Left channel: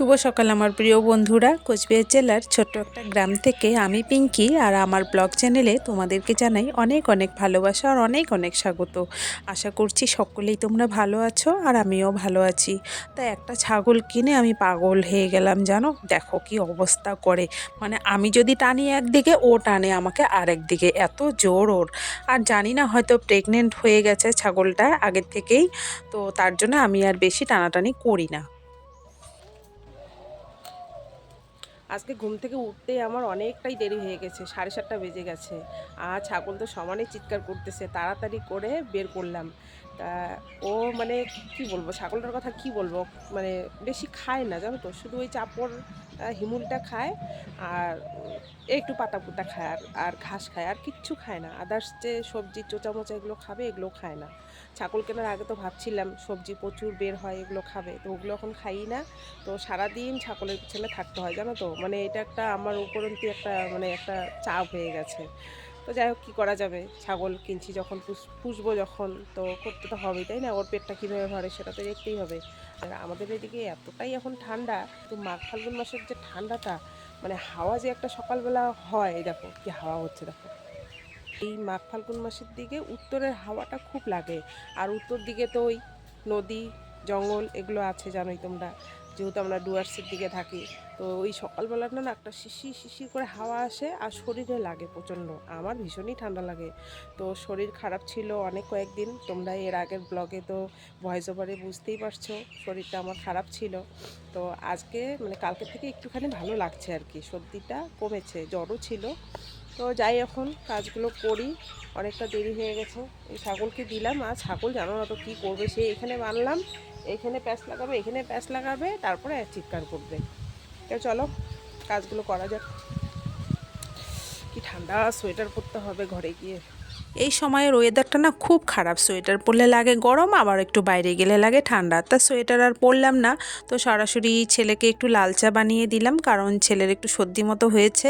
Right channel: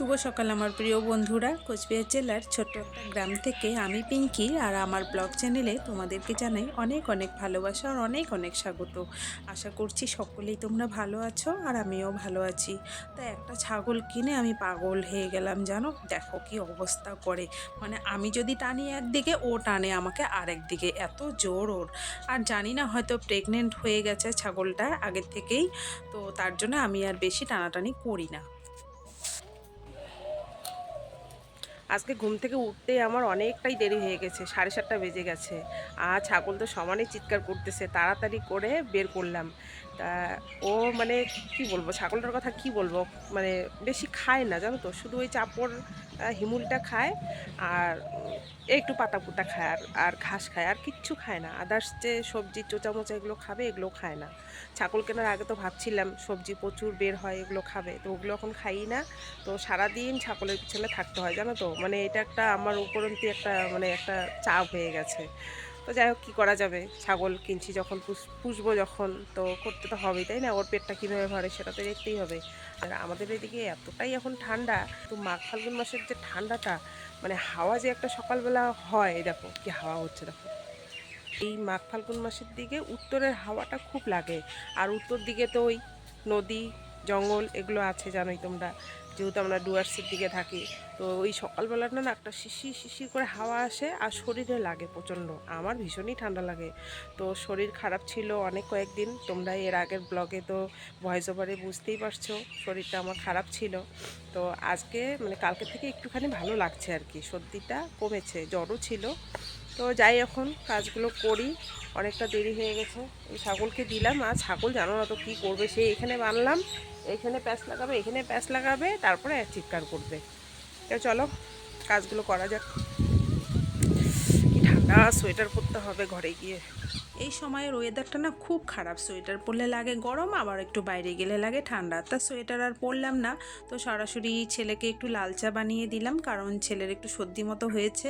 শুভ সকাল আমার প্রিয় বন্ধুরা। কোচবিহার জেলার ছোট্ট একটা গ্রাম থেকে আমি পিঙ্কি আর আমার ব্লগ চ্যানেলে তোমাদেরকে জানাই অনেক অনেক ভালোবাসা আর অনেক অনেক স্বাগত। আশা করছি সকলেই তোমরা ভালো আছো আর আমিও ভালো আছি। তা একটা ছাগল কিনে আমি পাগল হয়ে গেলাম, জানো? দেখো কি অবস্থা করে। মানে আমি যদি টানি একদিকে, ও টানে আমাকে আরেক দিকে এত জোর ওর। আর জানি না, হয়তো প্রেগনেন্ট হয়ে গেছে ছাগলটা আগের থেকেই। তো তার জন্য আমি আর বেশি টানাটানি করি না। আজকে ঘুম থেকে উঠতেই আমার অনেকটাই দেরি হয়ে গেছে, সাড়ে সাতটা বেজে গেছে। আর ছাগল তো সমানে চিৎকার করতেছে, তাড়াতাড়ি করে বের করলাম। তা ও মানে কি বলব, ছাগলটার কথা কি বলব? মানে বেশি খায় না, জানো তো? শুধু ওই চাপড় হিমুলটা খায় আর একটু পাতা পুতা খায় আর আর ঘাস খায়, আর কিচ্ছু খায় না। আদার্স যে সবজি চোচা মোচা এগুলো খাবে, এগুলো খায় না। ছাগল কেনার আগে তো ভাবছিলাম সবজি প্রচুর বের হয়, এগুলো খাবে। তো ওগুলো এখন খাই না। তো সারাদিন ছাগলের পিছনে থাকতে হয়, জানো তো? মানে এটা একটা আমার উপরন্তি একটা মানে একটা চাপ হয়ে গেছে। তো যাই হোক, কী করা যাবে? ছাগল কিনছি যখন পুষ- পুষবো যখন, তো করতে তো হবেই, তাই না? ওর পেটটা কীভাবে ভরে সেটা তো দেখতেই হবে। আর আমাদের এদিকে এতটাই এখন ঠান্ডা, তো মাঘ ফাল্গুন মাসের যে ঠান্ডাটা মানে হাওয়া যে একটা সকালবেলা হয় দেখো, কি হাওয়া হচ্ছে, দেখো। এই মাঘ ফাল্গুন মাসের দিকে উত্তরের হাওয়াটা খুব লাগে। আর উত্তর দিকে তো ওই নদী, জঙ্গল, এগুলো আছে, জানোই তোমরা। যেহেতু আমরা ডুয়ার্সের দিকে থাকি, তো ওই সকালবেলাটা না একটা শিশির শিশির করে হাওয়া আসে আর শরীরে লাগে প্রচণ্ড। আমার ভীষণই ঠান্ডা লাগে। তো শরীর খারাপ ছিল অনেক কয়েকদিন, তোমরা এর আগের ব্লগে তো ভয়েস ওভারে বুঝতেই পারছ, শরীরটা আমার খারাপ ছিল। তো আজকে মানে কালকে থেকে একটুখানি ভালো লাগছে আর কি, সর্দিটা কমেছে, জ্বরও ছিল। তো যাই এখন কাজগুলো করি, অনেকটা দেরি হয়ে গেছে। এই ছাগলকে দিলাম, আর ছাগল জানো না তো কী করবে সে এখানে বানলাম। এখানে প্যাঁচ লাগাবে, এখানে প্যাঁচ লাগাবে, তারপরে চিৎকার করবে। তো চলো, কাজগুলো করা যাক। কি ঠান্ডা সোয়েটার পরতে হবে ঘরে গিয়ে। এই সময়ের ওয়েদারটা না খুব খারাপ। সোয়েটার পরলে লাগে গরম, আবার একটু বাইরে গেলে লাগে ঠান্ডা। তা সোয়েটার আর পরলাম না, তো সরাসরি ছেলেকে একটু লাল চা বানিয়ে দিলাম, কারণ ছেলের একটু সর্দি মতো হয়েছে।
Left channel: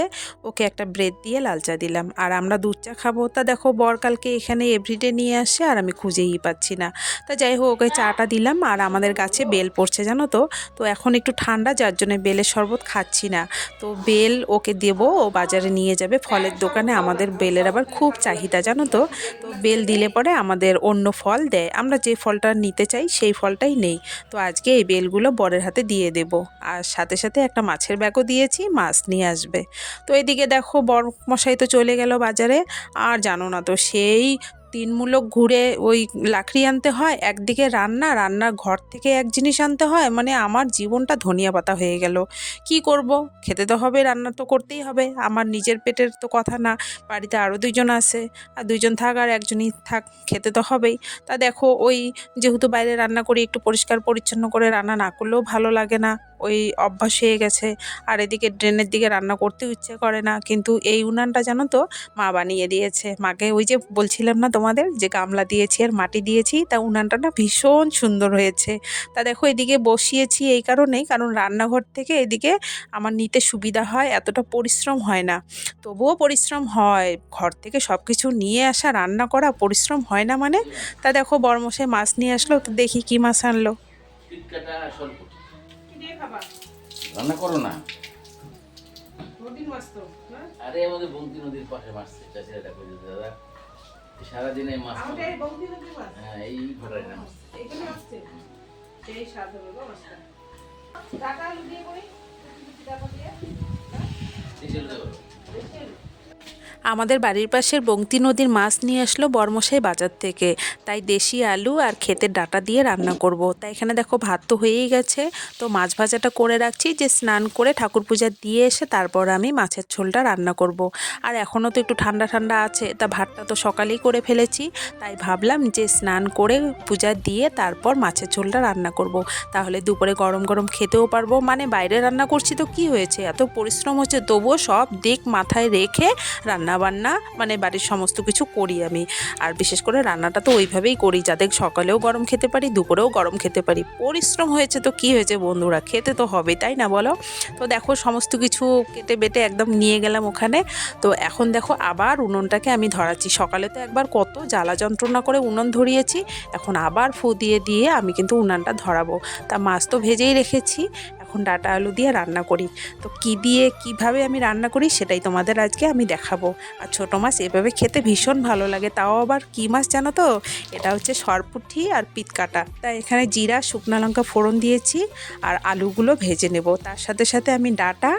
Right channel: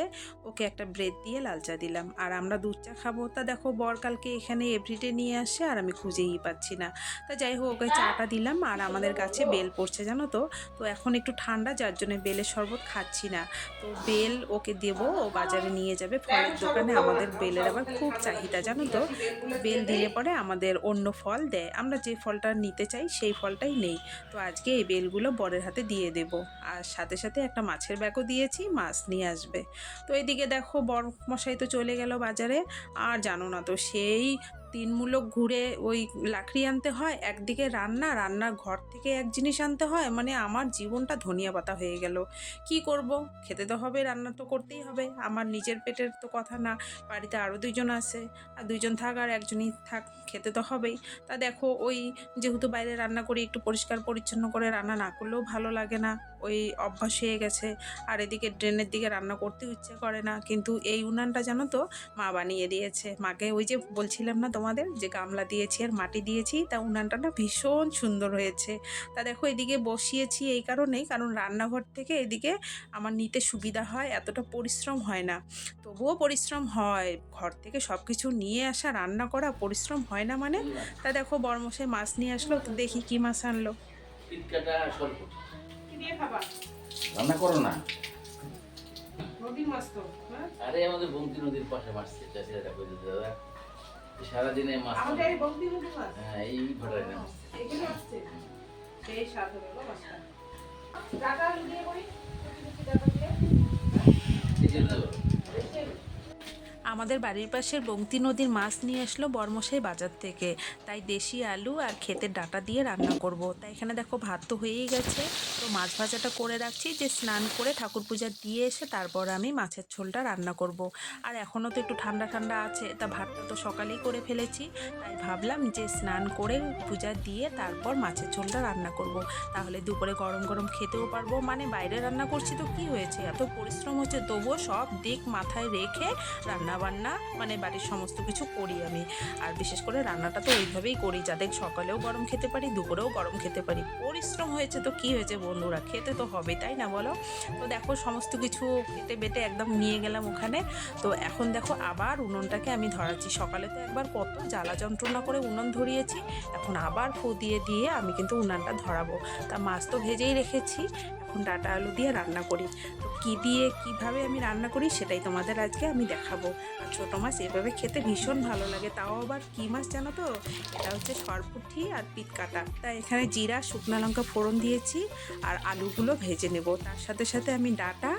ওকে একটা ব্রেড দিয়ে লাল চা দিলাম। আর আমরা দুধ চা খাব। তা দেখো বরকালকে এখানে এভরিডে নিয়ে আসে, আর আমি খুঁজেই পাচ্ছি না। তা যাই হোক, ওকে চাটা দিলাম। আর আমাদের গাছে বেল পড়ছে, জানো তো? তো এখন একটু ঠান্ডা, যার জন্য বেলের শরবত খাচ্ছি না। তো বেল ওকে দেবো, ও বাজারে নিয়ে যাবে। ফলের দোকানে আমাদের বেলের আবার খুব চাহিদা, জানো তো? তো বেল দিলে পরে আমাদের অন্য ফল দেয়। আমরা যে ফলটা নিতে চাই সেই ফলটাই নেই। তো আজকে এই বেলগুলো বরের হাতে দিয়ে দেব। আর সাথে সাথে একটা মাছের ব্যাগও দিয়েছি, মাছ নিয়ে আসবে। তো এদিকে দেখো বর মশাই তো চলে গেল বাজারে। আর জানো না তো সেই তিনমূলক ঘুরে ওই লাকড়ি আনতে হয়, একদিকে রান্না, রান্নার ঘর থেকে এক জিনিস আনতে হয় মানে আমার জীবনটা ধনিয়া পাতা হয়ে গেল। কি করব? খেতে তো হবে, রান্না তো করতেই হবে। আমার নিজের পেটের তো কথা না, বাড়িতে আরও দুইজন আছে, আর দুইজন থাক আর একজনই থাক, খেতে তো হবেই। তা দেখো, ওই যেহেতু বাইরে রান্না করি, একটু পরিষ্কার পরিচ্ছন্ন করে রান্না না করলেও ভালো লাগে না। ওই অভ্যাস হয়ে গেছে। আর এদিকে ড্রেনের দিকে রান্না করতেও ইচ্ছে করে না। কিন্তু এই উনানটা জানো তো, মা বানিয়ে দিয়েছে। মাকে ওই যে বলছিলাম না তোমাদের যে গামলা দিয়েছি আর মাটি দিয়েছি তা উনানটা না ভীষণ সুন্দর হয়েছে। তা দেখো এদিকে বসিয়েছি এই কারণেই কারণ রান্নাঘর থেকে এদিকে আমার নিতে সুবিধা হয় এতটা পরিশ্রম হয় না। তবুও পরিশ্রম হয় ঘর থেকে সব কিছু নিয়ে আসা রান্না করা পরিশ্রম হয় না মানে। তা দেখো বরমশাই মাছ নিয়ে আসলো তো দেখি কি মাছ আনলো। টিটকাটা স্বল্প। কি দিয়ে খাবা? রান্না করো না। নদীর মাছ তো আরে আমাদের বঙ্কি নদীর পাশে মাছ চাষিরা দেখো দাদা? সারাদিনে মাছ হ্যাঁ এই ভাটারে না মাছ এখানে আসছে। সেই স্বাদ হবে গো মাছটা। টাকা দিয়ে। করি কুচি দিয়ে আমাদের বাড়ির পাশের বংতি নদীর মাছ নিয়ে আসলো বরমশাই বাজার থেকে তাই দেশি আলু আর ক্ষেতের ডাটা দিয়ে রান্না করব। তাই এখানে দেখো ভাত তো হয়েই গেছে তো মাছ ভাজাটা করে রাখছি যে স্নান করে ঠাকুর পূজা দিয়ে এসে তারপর আমি মাছের ঝোলটা রান্না করব। আর এখনও তো একটু ঠান্ডা ঠান্ডা আছে, তা ভাতটা তো সকালেই করে ফেলেছি তাই ভাবলাম যে স্নান করে পূজা দিয়ে তারপর মাছের ঝোলটা রান্না করব। তাহলে দুপুরে গরম গরম খেতেও পারব মানে বাইরে রান্না করছি তো কি হয়েছে এত পরিশ্রম হচ্ছে, তবুও সব দিক মাথায় রেখে রান্না বান্না মানে বাড়ির সমস্ত কিছু করি আমি। আর বিশেষ করে রান্নাটা তো ওইভাবেই করি, যাতে সকালেও গরম খেতে পারি, দুপুরেও গরম খেতে পারি। পরিশ্রম হয়েছে তো কি হয়েছে বন্ধুরা? খেতে তো হবে তাই না বলো? তো দেখো সমস্ত কিছু কেটে বেটে একদম নিয়ে গেলাম ওখানে। তো এখন দেখো আবার উনুনটাকে আমি ধরাচ্ছি। সকালে তো একবার কত জ্বালা যন্ত্রণা করে উনুন ধরিয়েছি, এখন আবার ফু দিয়ে দিয়ে আমি কিন্তু উনানটা ধরাবো। তা মাছ তো ভেজেই রেখেছি। এখন ডাটা আলু দিয়ে রান্না করি। তো কী দিয়ে কীভাবে আমি রান্না করি সেটাই তোমাদের আজকে আমি দেখাবো। আর ছোটো মাছ এভাবে খেতে ভীষণ ভালো লাগে। তাও আবার কী মাছ জানো তো? এটা হচ্ছে সরপুঠি আর পিতকাটা। তাই এখানে জিরা, শুকনো লঙ্কা ফোড়ন দিয়েছি আর আলুগুলো ভেজে নেব। তার সাথে সাথে আমি ডাটা,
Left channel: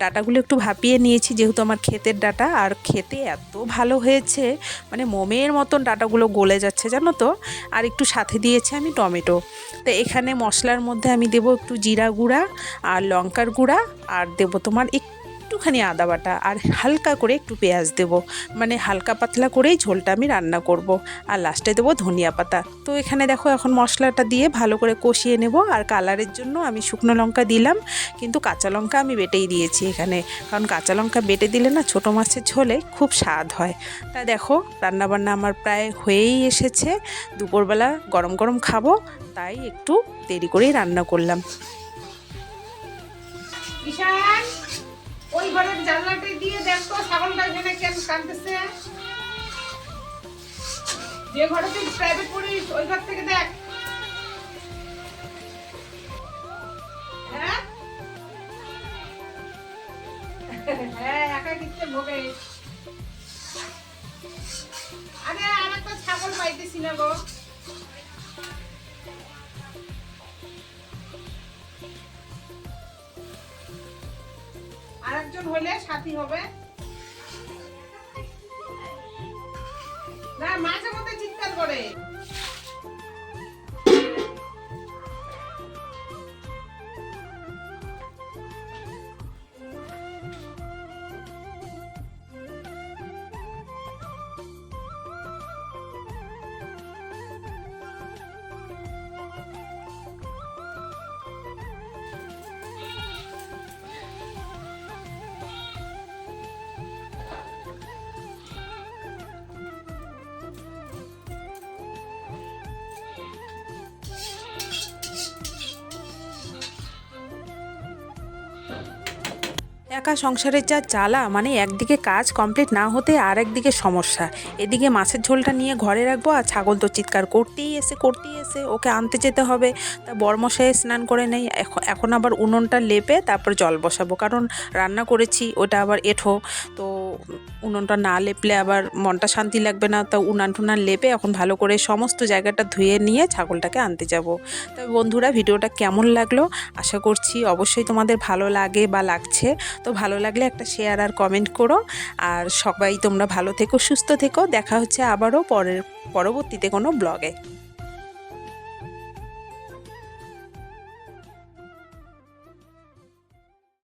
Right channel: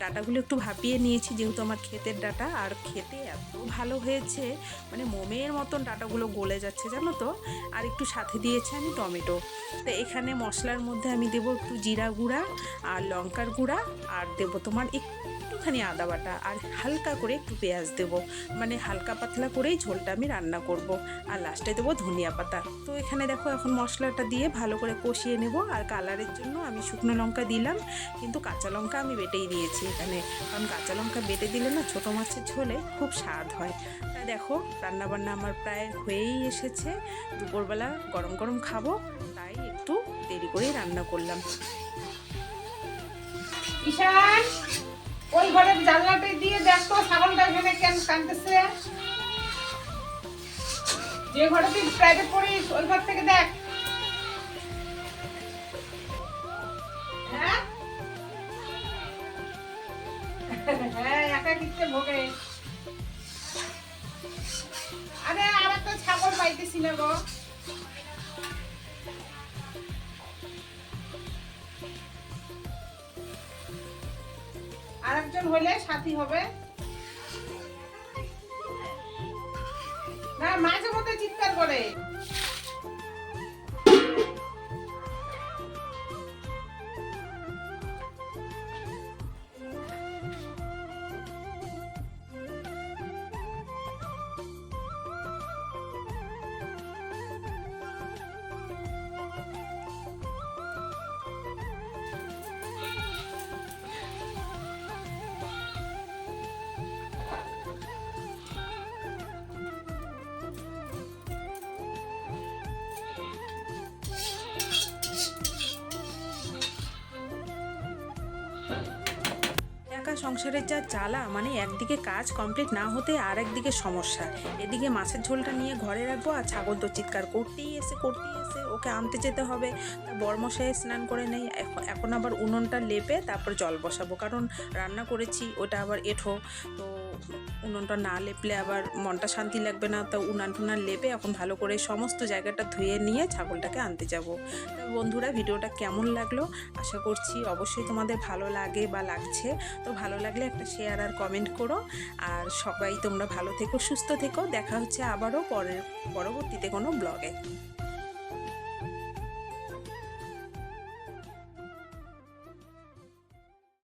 ডাটাগুলো একটু ভাপিয়ে নিয়েছি যেহেতু আমার ক্ষেতের ডাটা। আর খেতে এত ভালো হয়েছে মানে মোমের মতন ডাটাগুলো গলে যাচ্ছে জানো তো? আর একটু সাথে দিয়েছি আমি টমেটো। তো এখানে মশলার মধ্যে আমি দেবো একটু জিরা গুঁড়া আর লঙ্কার গুঁড়া, আর দেবো তোমার একটুখানি আদা বাটা, আর হালকা করে একটু পেঁয়াজ দেবো। মানে হালকা পাতলা করেই ঝোলটা আমি রান্না করব। আর লাস্টে দেবো ধনিয়া পাতা। তো এখানে দেখো এখন মশলাটা দিয়ে ভালো করে কষিয়ে নেব। আর কালারের জন্য আমি শুকনো লঙ্কা দিলাম। কিন্তু কাঁচা লঙ্কা আমি বেটেই দিয়েছি এখানে। কারণ কাঁচা লঙ্কা বেটে দিলে না ছোটো মাছের ঝোলে খুব স্বাদ হয়। তা দেখো, রান্নাবান্না আমার প্রায় হয়েই এসেছে। দুপুরবেলা গরম গরম খাব, তাই একটু দেরি করেই রান্না করলাম। ঈশান, ওই ঘরের জানলাটা দিয়ে দেখ, ছাগলটা এখানে কেন কাঁদতেছে? যে ঘরে তুই প্রাইভেট পড়িস, ওই ঘর থেকে দেখ। হ্যাঁ? হ্যাঁ একা কিনতে ভোগে? আরে আর একটা ছাগল পাইতেছি না গো। আরেকজন হলে সাথী হবে। না মাঝে মধ্যে চিৎকার করে। একা সংসারের যা চালা মানে একদিকে কাজ কমপ্লিট না হতে আর একদিকে সমস্যা। এদিকে মাছের ঝোলটা নিয়ে ঘরে রাখব আর ছাগল তো চিৎকার করতেই এসে, করতেই এসে ওকে আনতে যেতে হবে। তা বরমশাই স্নান করে নেই এখন আবার উনুনটা লেপে তারপর জল বসাবো। কারণ রান্না করেছি, ওটা আবার এঠো। তো উনুনটা না লেপলে আবার মনটা শান্তি লাগবে না। তা উনান টুনান লেপে এখন ভালো করে সমস্ত জায়গাটা ধুয়ে নিয়ে ছাগলটাকে আনতে যাব। তবে বন্ধুরা, ভিডিওটা কেমন লাগল? আশা করছি অবশ্যই তোমাদের ভালো লাগে বা লাগছে। তো ভালো লাগলে একটা শেয়ার আর কমেন্ট করো। আর সবাই তোমরা ভালো থেকো, সুস্থ থেকো। দেখা হচ্ছে আবারও পরের, পরবর্তীতে কোনো ব্লগে